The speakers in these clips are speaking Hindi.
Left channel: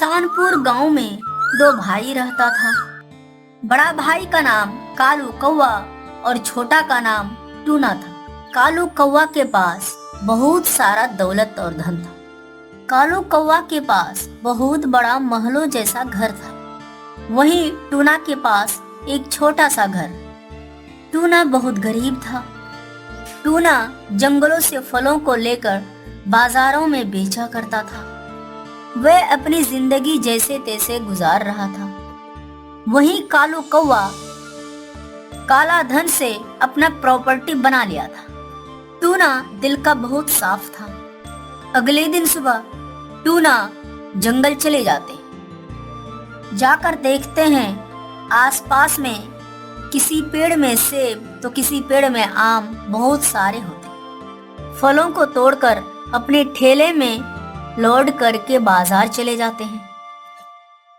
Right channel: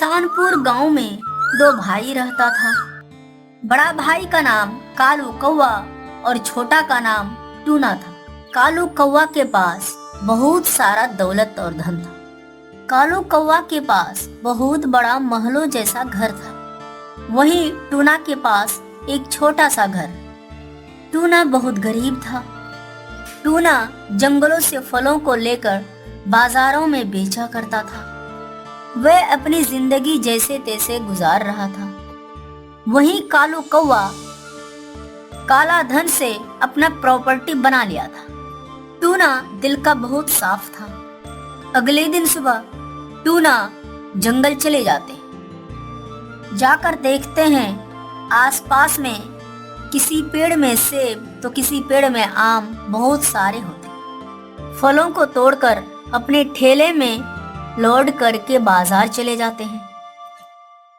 एहसानपुर गांव में दो भाई रहता था। बड़ा भाई का नाम कालू कौवा और छोटा का नाम टूना था। कालू कौवा के पास बहुत सारा दौलत और धन था। कालू कौवा के पास बहुत बड़ा महलों जैसा घर था। वहीं टूना के पास एक छोटा सा घर। टूना बहुत गरीब था। टूना जंगलों से फलों को लेकर बाजारों में बेचा करता था। वह अपनी जिंदगी जैसे तैसे गुजार रहा था। वहीं कालू कौवा काला धन से अपना प्रॉपर्टी बना लिया था। टूना दिल का बहुत साफ था। अगले दिन सुबह टूना जंगल चले जाते हैं। जाकर देखते हैं आसपास में किसी पेड़ में सेब तो किसी पेड़ में आम बहुत सारे होते। फलों को तोड़कर अपने ठेले में लोड करके बाजार चले जाते हैं।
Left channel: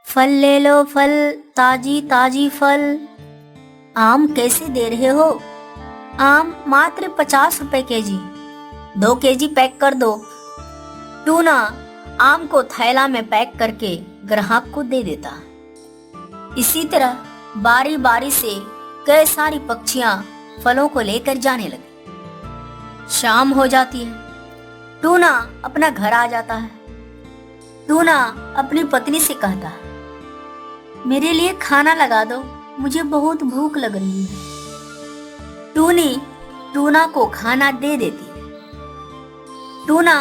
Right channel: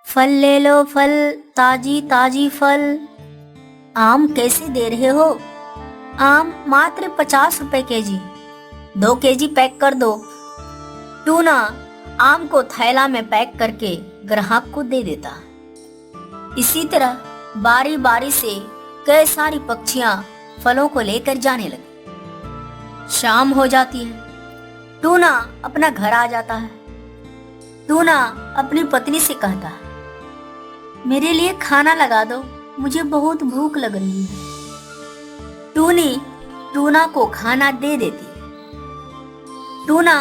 फल ले लो फल, ताजी ताजी फल। आम कैसे दे रहे हो? आम मात्र 50 रुपए केजी। 2 केजी पैक कर दो। टूना आम को थैला में पैक करके ग्राहक को दे देता। इसी तरह बारी बारी से कई सारी पक्षियां फलों को लेकर जाने लगी। शाम हो जाती है। टूना अपना घर आ जाता है। टूना अपनी पत्नी से कहता है, मेरे लिए खाना लगा दो, मुझे बहुत भूख लग रही है। टूनी टूना को खाना दे देती है। टूना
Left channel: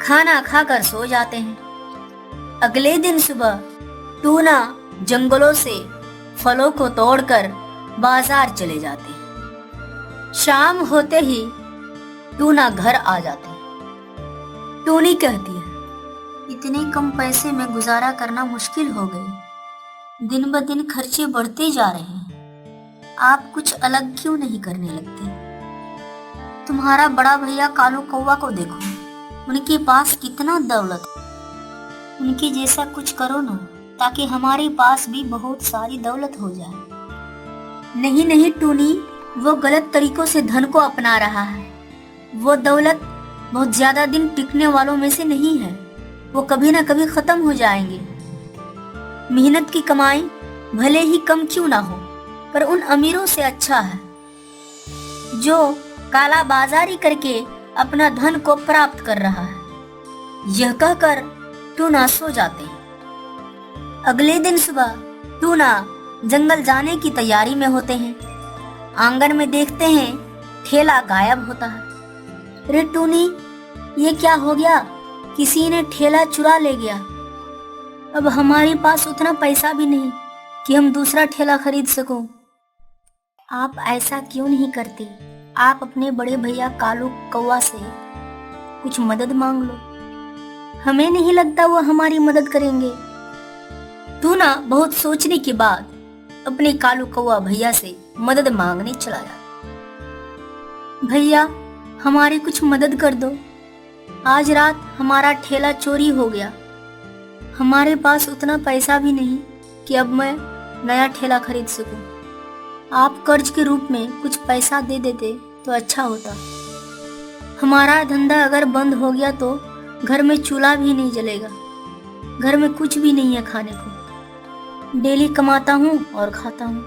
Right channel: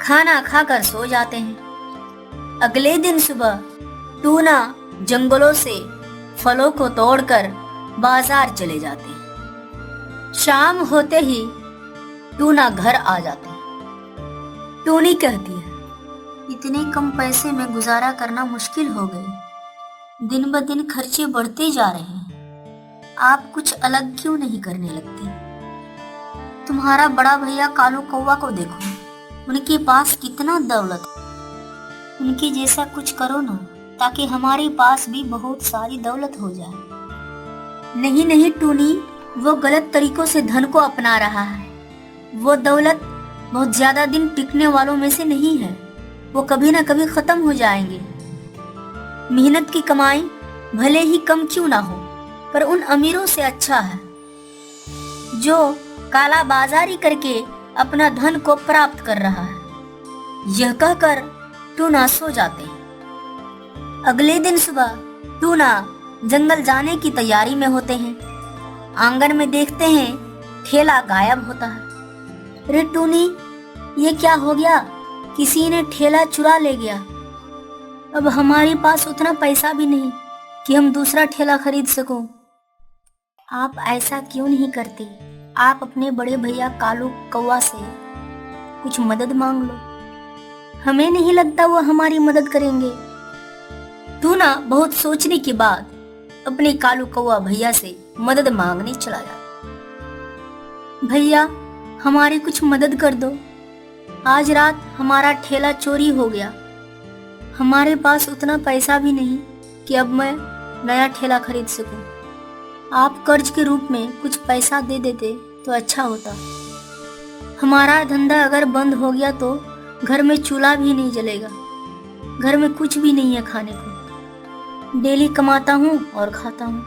खाना खाकर सो जाते हैं। अगले दिन सुबह टूना जंगलों से फलों को तोड़कर बाजार चले जाते हैं। शाम होते ही टूना घर आ जाता है। टूनी कहती है, इतने कम पैसे में गुजारा करना मुश्किल हो गई। दिन ब दिन खर्चे बढ़ते जा रहे हैं। आप कुछ अलग क्यों नहीं करने लगते? तुम्हारा बड़ा भैया कालू कौवा को देखो, उनके पास कितना दौलत है। उनके जैसा कुछ करो ना, ताकि हमारे पास भी बहुत सारी दौलत हो जाए। नहीं नहीं टूनी, वो गलत तरीकों से धन को अपना रहा है। वो दौलत बहुत ज्यादा दिन टिकने वालों में से नहीं है। वो कभी ना कभी खत्म हो जाएंगे। मेहनत की कमाई भले ही कम क्यों ना हो, पर उन अमीरों से अच्छा है जो काला बाजारी करके अपना धन को प्राप्त कर रहा है। यह कहकर टूना सो जाते हैं। अगले दिन सुबह टूना जंगल जाने की तैयारी में होते हैं। आंगन में देखते हैं ठेला गायब होता है। अरे टूनी, ये क्या हो गया? किसी ने ठेला चुरा ले गया। अब हमारे पास उतना पैसा भी नहीं कि हम दूसरा ठेला खरीद सको। आप ऐसा क्यों नहीं करते? आप अपने बड़े भैया कालू कौवा से कुछ मदद मांग लो। हमें नहीं लगता वो हमारी मदद करेंगे। टूना बहुत सोचने के बाद अपने कालू कौवा भैया से मदद मांगने चला गया। भैया, हमारी कुछ मदद कर दो। आज रात हमारा ठेला चोरी हो गया। हमारे पास उतना पैसा भी नहीं कि अब मैं नया ठेला खरीद सकूं। आप कर्ज के रूप में कुछ पैसा दे देते तो अच्छा होता। हमारा धंधा अगर बंद हो गया तो घर में चूल्हा भी नहीं जलेगा। घर में कुछ भी नहीं है खाने को। डेली कमाता हूँ और खाता हूँ।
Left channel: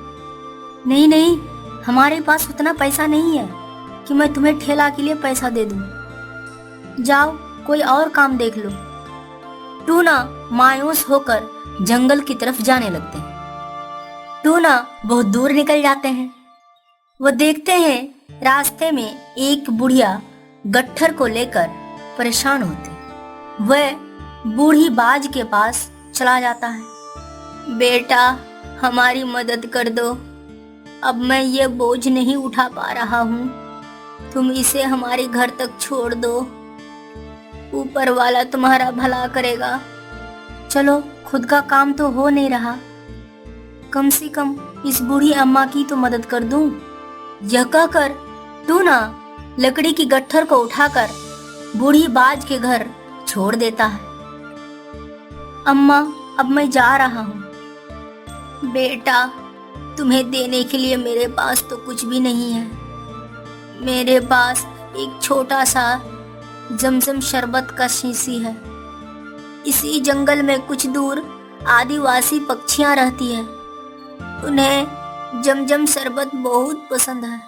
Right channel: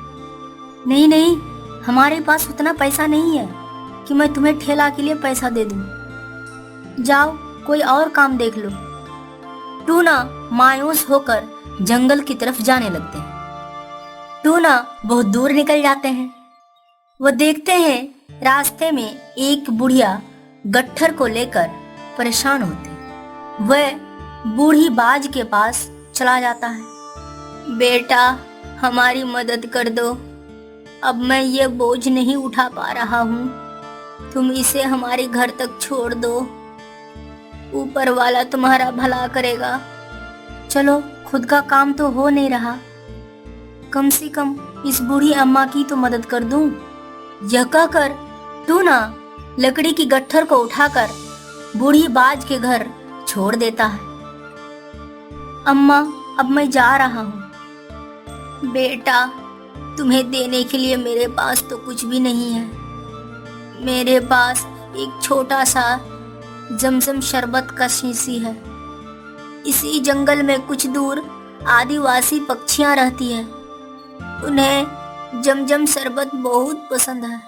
नहीं नहीं, हमारे पास उतना पैसा नहीं है कि मैं तुम्हें ठेला के लिए पैसा दे दूं। जाओ कोई और काम देख लो। टूना मायूस होकर जंगल की तरफ जाने लगते हैं। टूना बहुत दूर निकल जाते हैं। वो देखते हैं रास्ते में एक बुढ़िया गट्ठर को लेकर परेशान होती। वह बूढ़ी बाज के पास चला जाता है। बेटा, हमारी मदद कर दो। अब मैं ये बोझ नहीं उठा पा रहा हूँ। तुम इसे हमारे घर तक छोड़ दो। ऊपर वाला तुम्हारा भला करेगा। चलो, खुद का काम तो हो नहीं रहा, कम से कम इस बूढ़ी अम्मा की तो मदद कर दूं। यह कहकर टूना लकड़ी की गट्ठर को उठाकर बूढ़ी बाज के घर छोड़ देता है। अम्मा, अब मैं जा रहा हूँ। बेटा, तुम्हें देने के लिए मेरे पास तो कुछ भी नहीं है। मेरे पास एक छोटा सा जमजम शरबत का शीशी है। इसी जंगल में कुछ दूर आदिवासी पक्षियां रहती है। उन्हें जमजम शरबत बहुत पसंद है।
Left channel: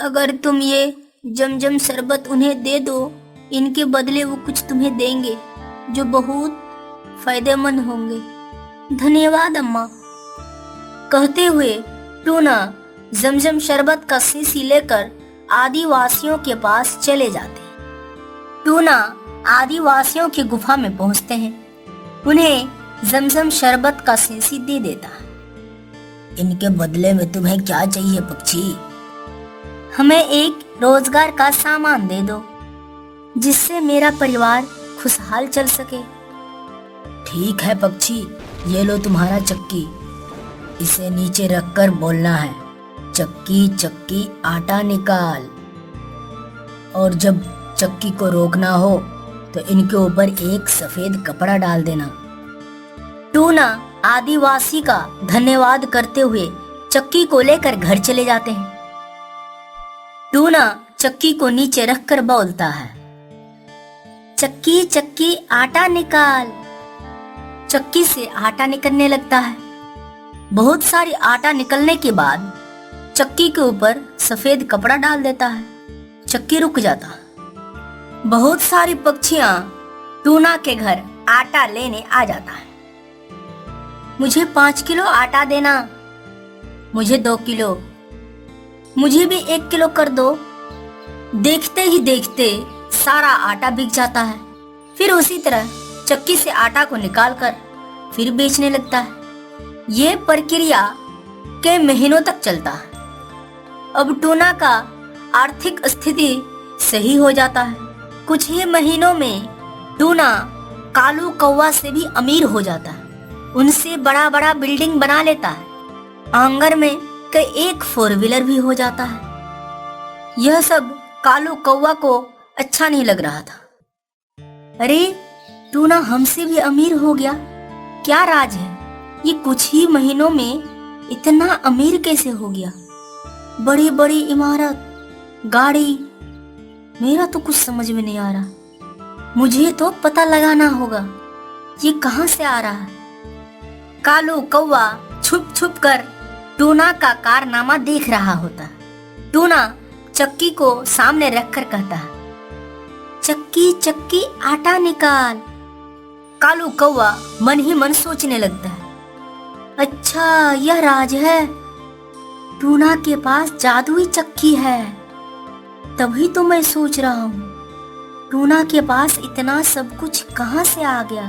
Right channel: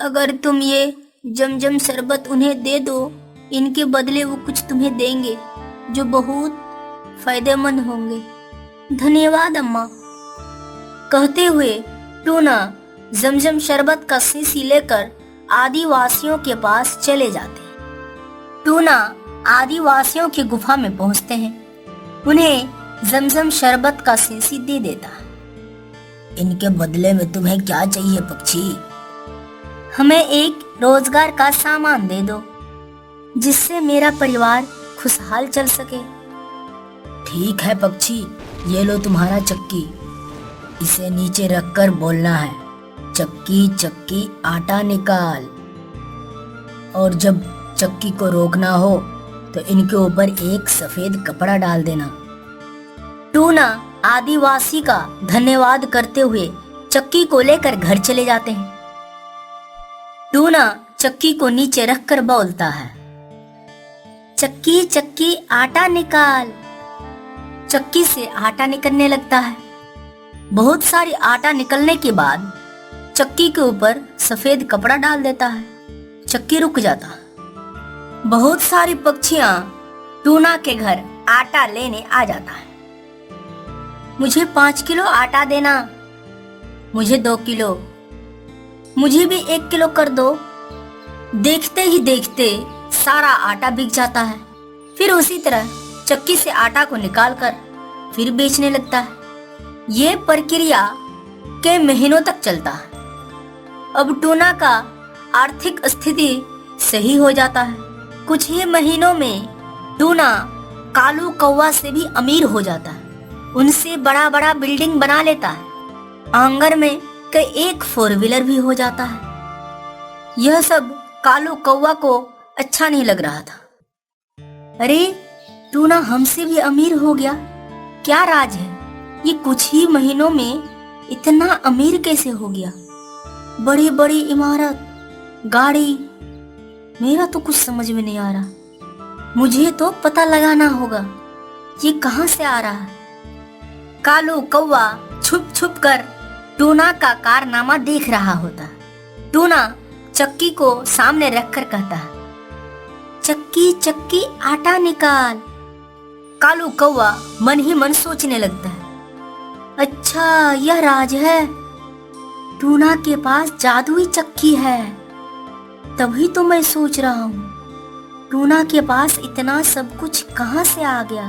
अगर तुम ये जमजम शरबत उन्हें दे दो, इनके बदले वो कुछ तुम्हें देंगे जो बहुत फायदेमंद होंगे। धन्यवाद अम्मा। कहते हुए टूना जमजम शरबत का शीशी लेकर आदिवासियों के पास चले जाते हैं। टूना आदिवासियों की गुफा में पहुंचते हैं। उन्हें जमजम शरबत का शीशी दे देता है। इनके बदले में तुम्हें क्या चाहिए पक्षी? हमें एक रोजगार का सामान दे दो जिससे मेरा परिवार खुशहाल चल सके। ठीक है पक्षी, ये लो तुम्हारा चक्की। इसे नीचे रखकर बोलना है, चक्की चक्की आटा निकाल। और जब चक्की को रोकना हो तो इनके ऊपर एक सफेद कपड़ा डाल देना। टूना आदिवासी का धन्यवाद करते हुए चक्की को लेकर घर चले जाते हैं। टूना चक्की को नीचे रखकर बोलता है, चक्की चक्की आटा निकाल। चक्की से आटा निकलने लगता है। बहुत सारी आटा निकलने के बाद चक्की के ऊपर सफेद कपड़ा डाल देता है। चक्की रुक जाता है। बहुत सारी पक्षियां टूना के घर आटा लेने आ जाता है। मुझे 5 किलो आटा देना। मुझे 2 किलो। मुझे भी 1 किलो कर दो। देखते ही देखते सारा आटा बिक जाता है। फिर उसी तरह चक्की से आटा को निकालकर फिर बेचने लगता है। ये प्रक्रिया कई महीनों तक चलता है। अब टूना का आर्थिक स्थिति सही हो जाता है। कुछ ही महीनों में टूना कालू कौवा से भी अमीर हो जाता है। उनसे बड़ा बड़ा बिल्डिंग बना लेता है। आंगन में कई एक 4 व्हीलर भी हो जाता है। यह सब कालू कौवा को अच्छा नहीं लग रहा था। अरे टूना हमसे भी अमीर हो गया, क्या राज है? ये कुछ ही महीनों में इतना अमीर कैसे हो गया? बड़ी बड़ी इमारत, गाड़ी, मेरा तो कुछ समझ में नहीं आ रहा। मुझे तो पता लगाना होगा ये कहां से आ रहा है। कालू कौवा छुप छुप कर टूना का कारनामा देख रहा होता है। टूना चक्की को सामने रखकर कहता है, चक्की चक्की आटा निकाल। कालू कौवा मन ही मन सोचने लगता है, अच्छा यह राज है। टूना के पास जादुई चक्की है। तभी तो मैं सोच रहा हूँ टूना के पास इतना सब कुछ कहाँ से आ गया।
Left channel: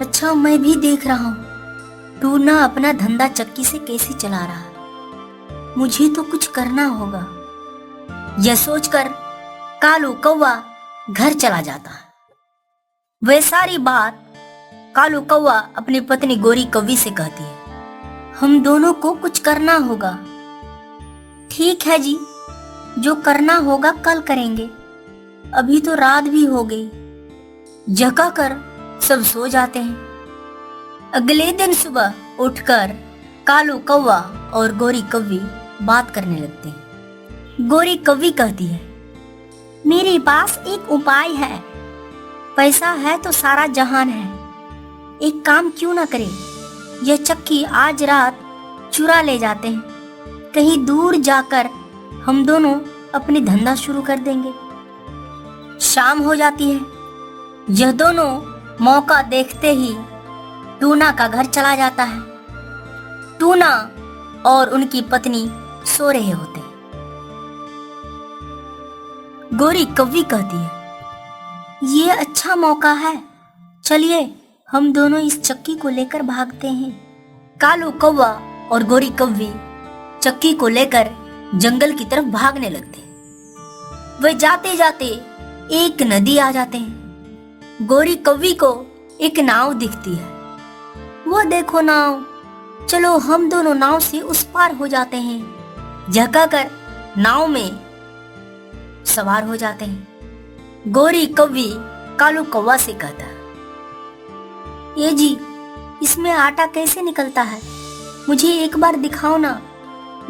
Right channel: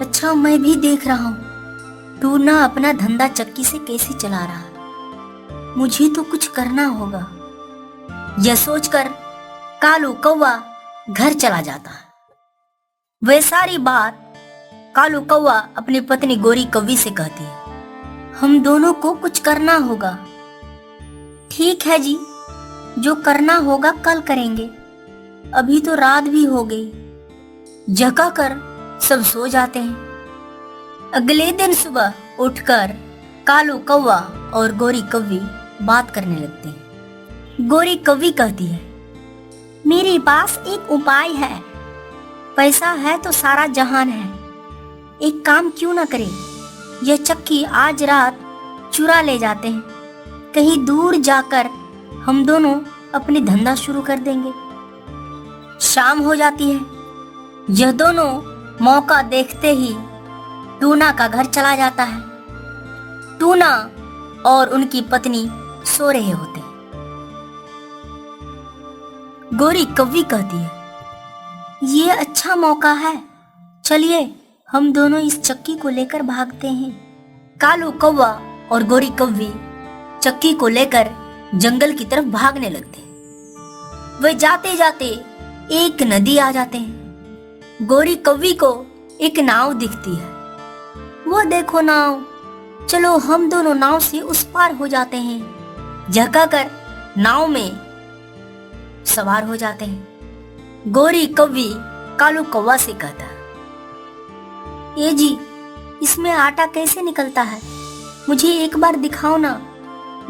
अच्छा मैं भी देख रहा हूँ टूना अपना धंधा चक्की से कैसे चला रहा है। मुझे तो कुछ करना होगा। यह सोचकर कालू कौवा घर चला जाता है। वह सारी बात कालू कौवा अपनी पत्नी गोरी कौवी से कहती है, हम दोनों को कुछ करना होगा। ठीक है जी, जो करना होगा कल करेंगे। अभी तो रात भी हो गई। जगा कर सब सो जाते हैं। अगले दिन सुबह उठकर कालू कौवा और गोरी कौवी बात करने लगते हैं। गोरी कौवी कहती है, मेरे पास एक उपाय है। पैसा है तो सारा जहान है। एक काम क्यों ना करें, यह चक्की आज रात चुरा ले जाते हैं। कहीं दूर जाकर हम दोनों अपनी धंधा शुरू कर देंगे। शाम हो जाती है। यह दोनों मौका देखते ही टूना का घर चला जाता है। टूना और उनकी पत्नी सो रहे होते हैं। गोरी कौवी कहती है, ये अच्छा मौका है, चलिए हम दोनों इस चक्की को लेकर भागते हैं। कालू कौवा और गोरी कौवी चक्की को लेकर जंगल की तरफ भागने लगते हैं। वे जाते जाते एक नदी आ जाते हैं। गोरी कौवी को एक नाव दिखती है। वो देखो नाव, चलो हम दोनों नाव से उस पार हो जाते हैं। जगा कर नाव में सवार हो जाते हैं। गोरी कौवी कालू कौवा से कहता है, ये जी इसमें आटा कैसे निकलता है? मुझे एक बार दिखाओ ना,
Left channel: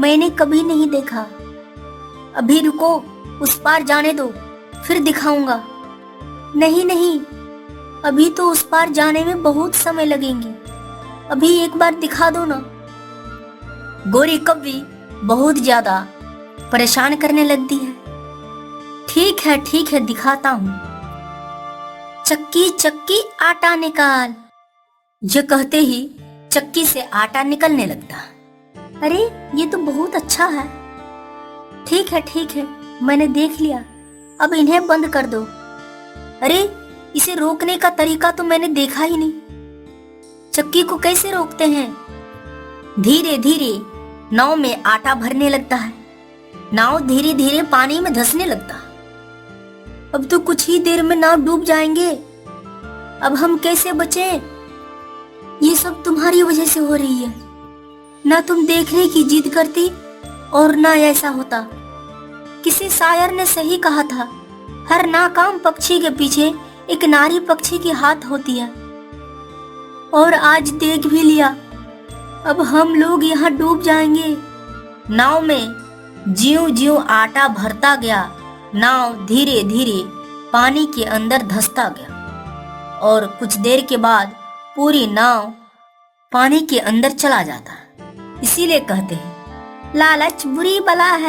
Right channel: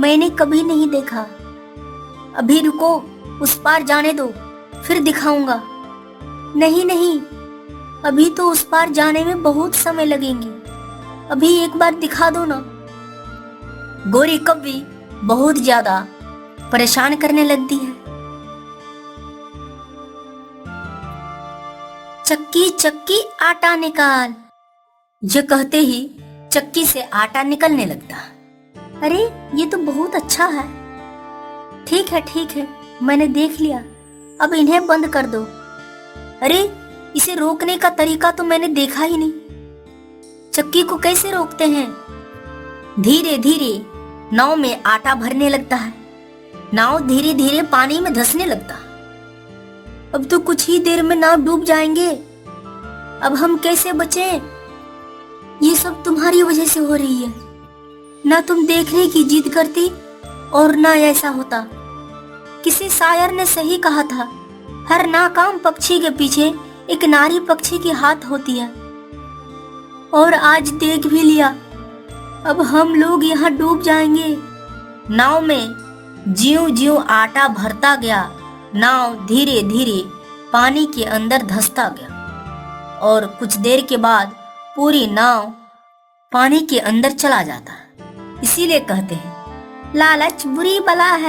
मैंने कभी नहीं देखा। अभी रुको, उस पार जाने दो, फिर दिखाऊंगा। नहीं नहीं, अभी तो उस पार जाने में बहुत समय लगेंगे, अभी एक बार दिखा दो ना। गोरी कौवी बहुत ज्यादा परेशान करने लगती है। ठीक है दिखाता हूँ। चक्की चक्की आटा निकाल। ये कहते ही चक्की से आटा निकलने लगता। अरे ये तो बहुत अच्छा है। ठीक है मैंने देख लिया, अब इन्हें बंद कर दो। अरे इसे रोकने का तरीका तो मैंने देखा ही नहीं। चक्की को कैसे रोकते हैं? धीरे धीरे नाव में आटा भरने लगता है। नाव धीरे धीरे पानी में धंसने लगता। अब तो कुछ ही देर में नाव डूब जाएंगे। अब हम कैसे बचे? ये सब तुम्हारी वजह से हो रही है। ना तुम देखने की जिद करती और ना ऐसा होता। किसी शायर ने सही कहा था, हर नाकाम पक्षी के पीछे एक नारी पक्षी की हाथ होती है। और आज देख भी लिया, अब हम लोग यहाँ डूब जाएंगे। नाव में ज्यों ज्यों आटा भरता गया, नाव धीरे धीरे पानी के अंदर धंसता गया और कुछ देर के बाद पूरी नाव पानी के अंदर चला जाता। इसीलिए कहते हैं लालच बुरी बला है।